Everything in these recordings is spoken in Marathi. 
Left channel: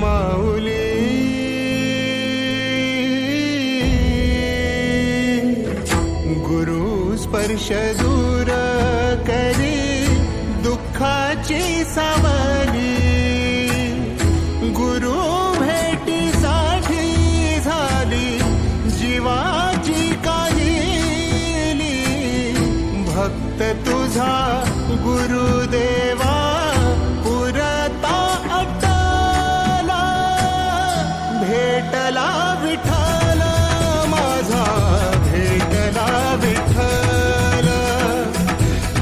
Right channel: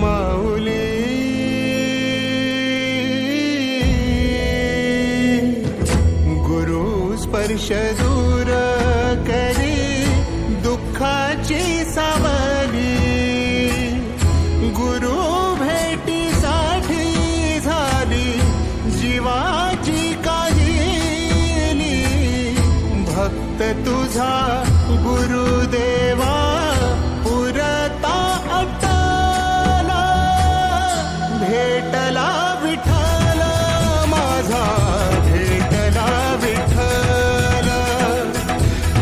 माऊली गुरु स्पर्श दूर करी दुःखाची सावली गुरु भेटीसाठी झाली जीवाची काहिली भक्त तुझा गुरुदेवा पुरता भेटला विठ्ठल माझा भेटला विठ्ठल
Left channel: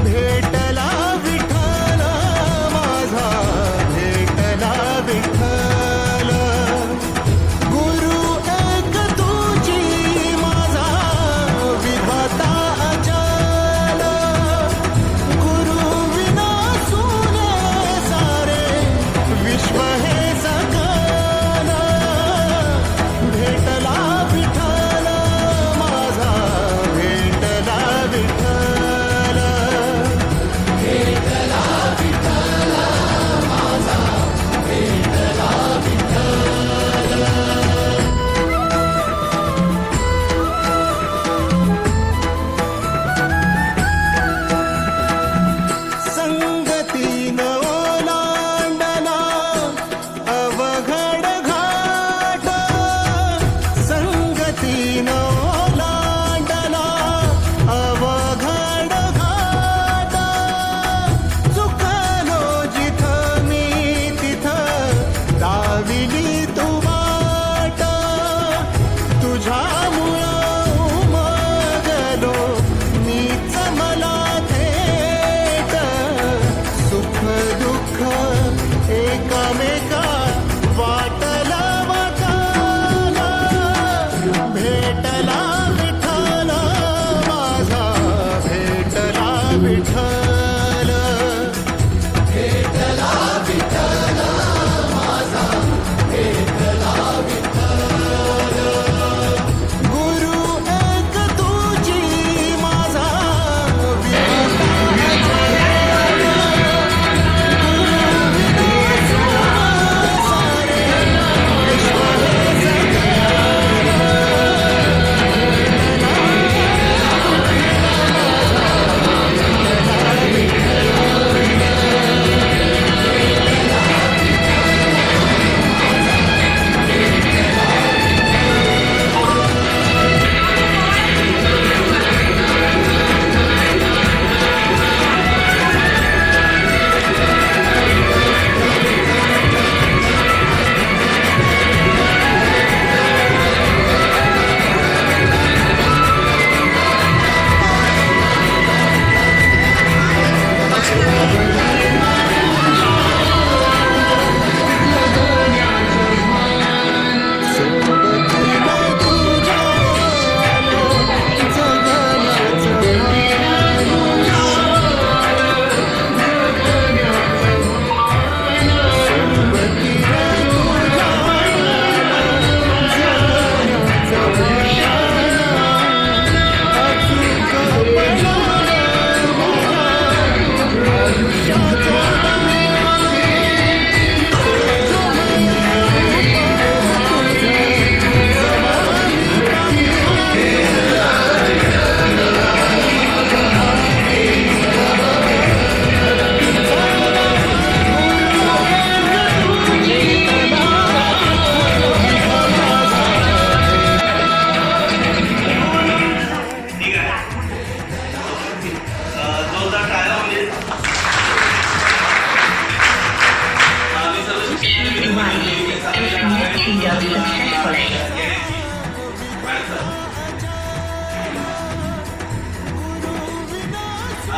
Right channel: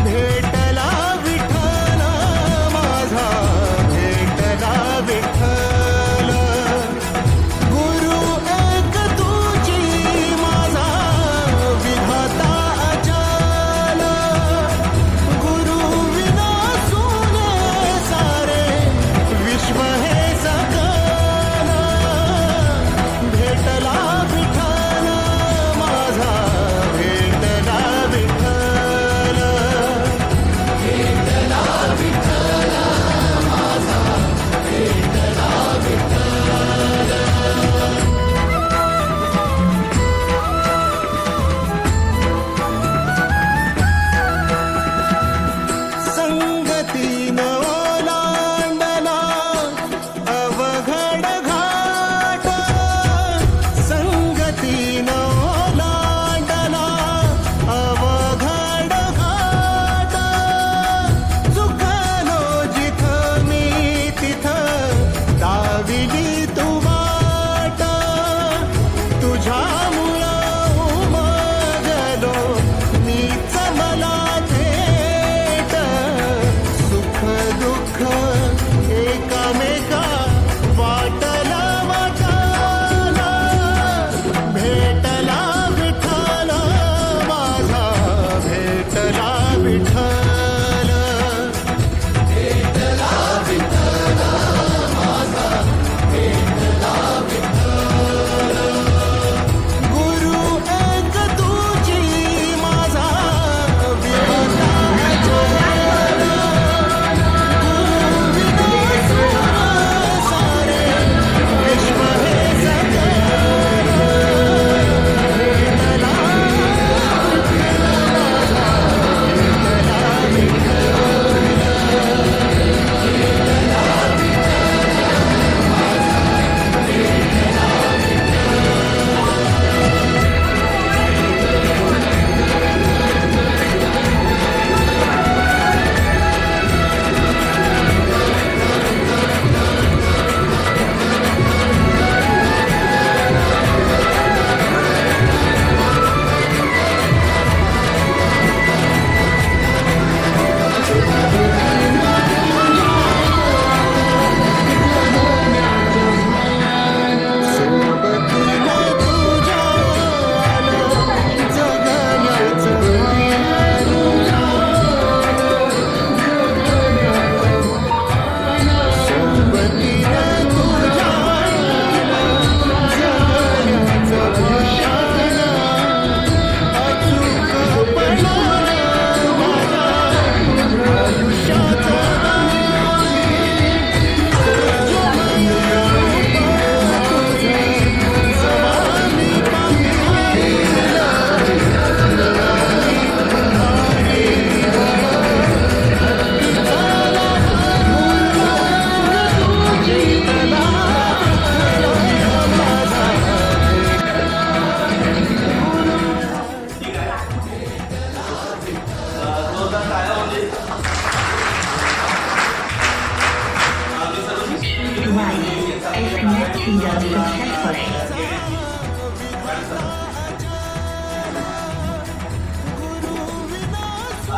भेटला विठ्ठल माझा भेटला विठ्ठल गुरु एक तुझी माझा विधाता अचल गुरु विना सुने सारे विश्व हे सकल भेटला विठ्ठल माझा भेटला विठ्ठल भेटला विठ्ठल माझा भेटला विठ्ठल संगतीन ओलांडला अवघड घाट संगतीन ओलांडला अवघड घाट चुकलो जिथं मी तिथं दाविली तू वाट तुझ्यामुळं उमगलो मीच मला थेट सुख दुःख एकामेका वाटला वाटाला भेटला विठ्ठल माझा भेटला विठ्ठल भेटला विठ्ठल माझा भेटला विठ्ठल गुरु एक तुझी माझा विधाता अचल गुरु विना सुने सारे विश्व हे सकल भेटला विठ्ठल माझा भेटला विठ्ठल सोबतीला तुझ्या आलं जगण्याचं भान सोबतीला तुझ्या आलं जगण्याचं भान अचूक पडलं माझ्या आयुष्याचं दान तेजोमय रूप तुझं जवानी पाहिलं निराळी भारी हत्ती झाला भेटला विठ्ठल माझा ठीक आहे जोरदार टाळ्या म्हणजे If connecting your successfully.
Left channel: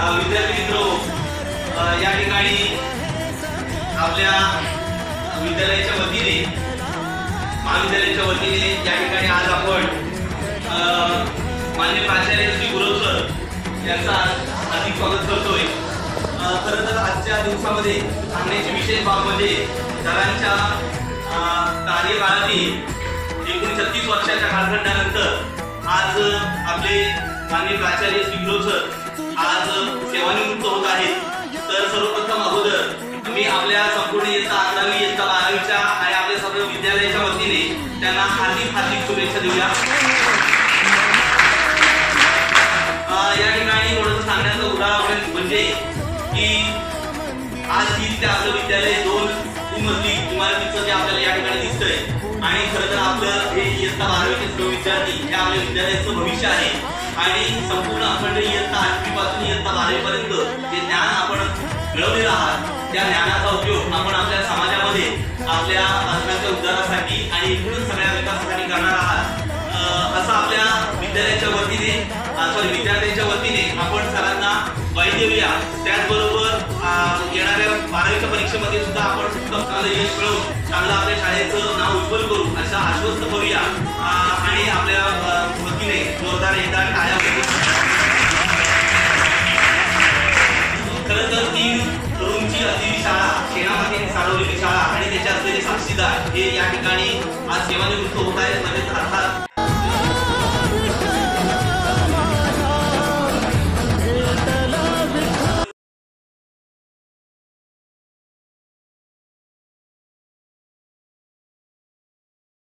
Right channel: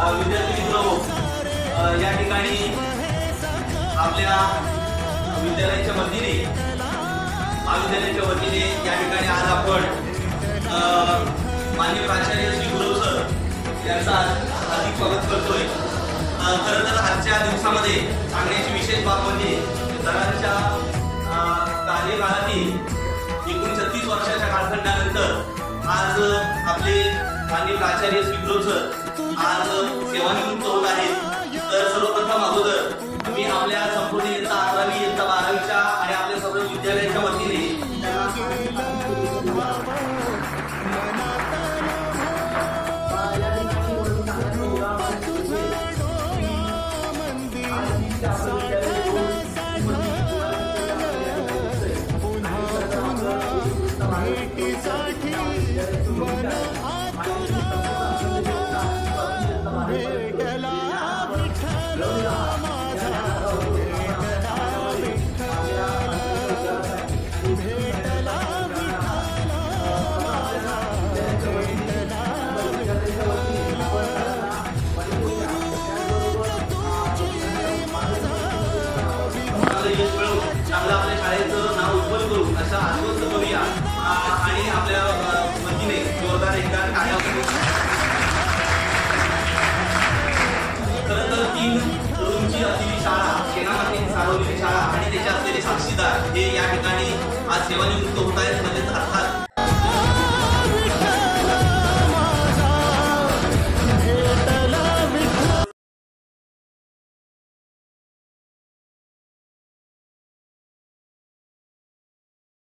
विद्यार्थी मित्र या ठिकाणी आपल्या विद्यालयाच्या वतीने महाविद्यालयाच्या वतीने या ठिकाणी आज आपण माननीय प्राचार्य श्री गुरव सर यांचा हार्दिक स्वागत करतोय। खरं तर आजच्या दिवसामध्ये सांगण्याची विशेष बाब म्हणजे सरांच्या कार्यकाळातील 36 वर्षाच्या कालखंडानंतर आज आपले माननीय प्राचार्य श्री गुरव सर आज सेवानिवृत्त होत आहेत। तर सर्वप्रथम अगोदर मी आपल्या संपूर्ण इयत्ता 11वी इयत्ता 12वीच्या आणि आपल्या सर्व विद्यालयाच्या वतीने त्यांना हार्दिक शुभेच्छा देऊया। या ठिकाणी थोडंसं सांगण्याचा उदाहरण म्हणजे की आज ही आपलं विद्यालय 2 मजली इमारतीचं जे आपल्याला या ठिकाणी दिसतंय आणि खरं तर आपलं हे इयत्ता 12वीचे विद्यार्थी हे आपल्या विद्यालयाचं भविष्य आहे आणि संपूर्ण अखंड इयत्ता 8वी पासून इयत्ता 12वी पर्यंत जे ज्ञान आपण मिळवलेलं आहात त्या ज्ञानाचा उपयोग आपण आपल्या समाजामध्ये आपल्या आत्म्याच्या उद्धारासाठी आणि सगळ्या विकासासाठी करणार आहात। असं आपल्या विद्यालयाच्या वतीने विद्यार्थ्यांच्या वतीने आपण सरांना वाई देऊया। त्याचबरोबर येणाऱ्या 12वीच्या परीक्षेमध्ये सुद्धा आपण चांगलं यश मिळवून चांगलं आपल्या शाळेचं नाव उज्ज्वल करू असं आश्वस्त करूया आणि आपल्या वतीने जोरदार एकदा टाळ्या करू। खरं तर 3 तरुणची असलेली शाळा सेनापतींनी चालवलेली शाळा आणि त्याचे असलेले साक्षीदार हे या ठिकाणी आज सेवानिवृत्त होत आहेत।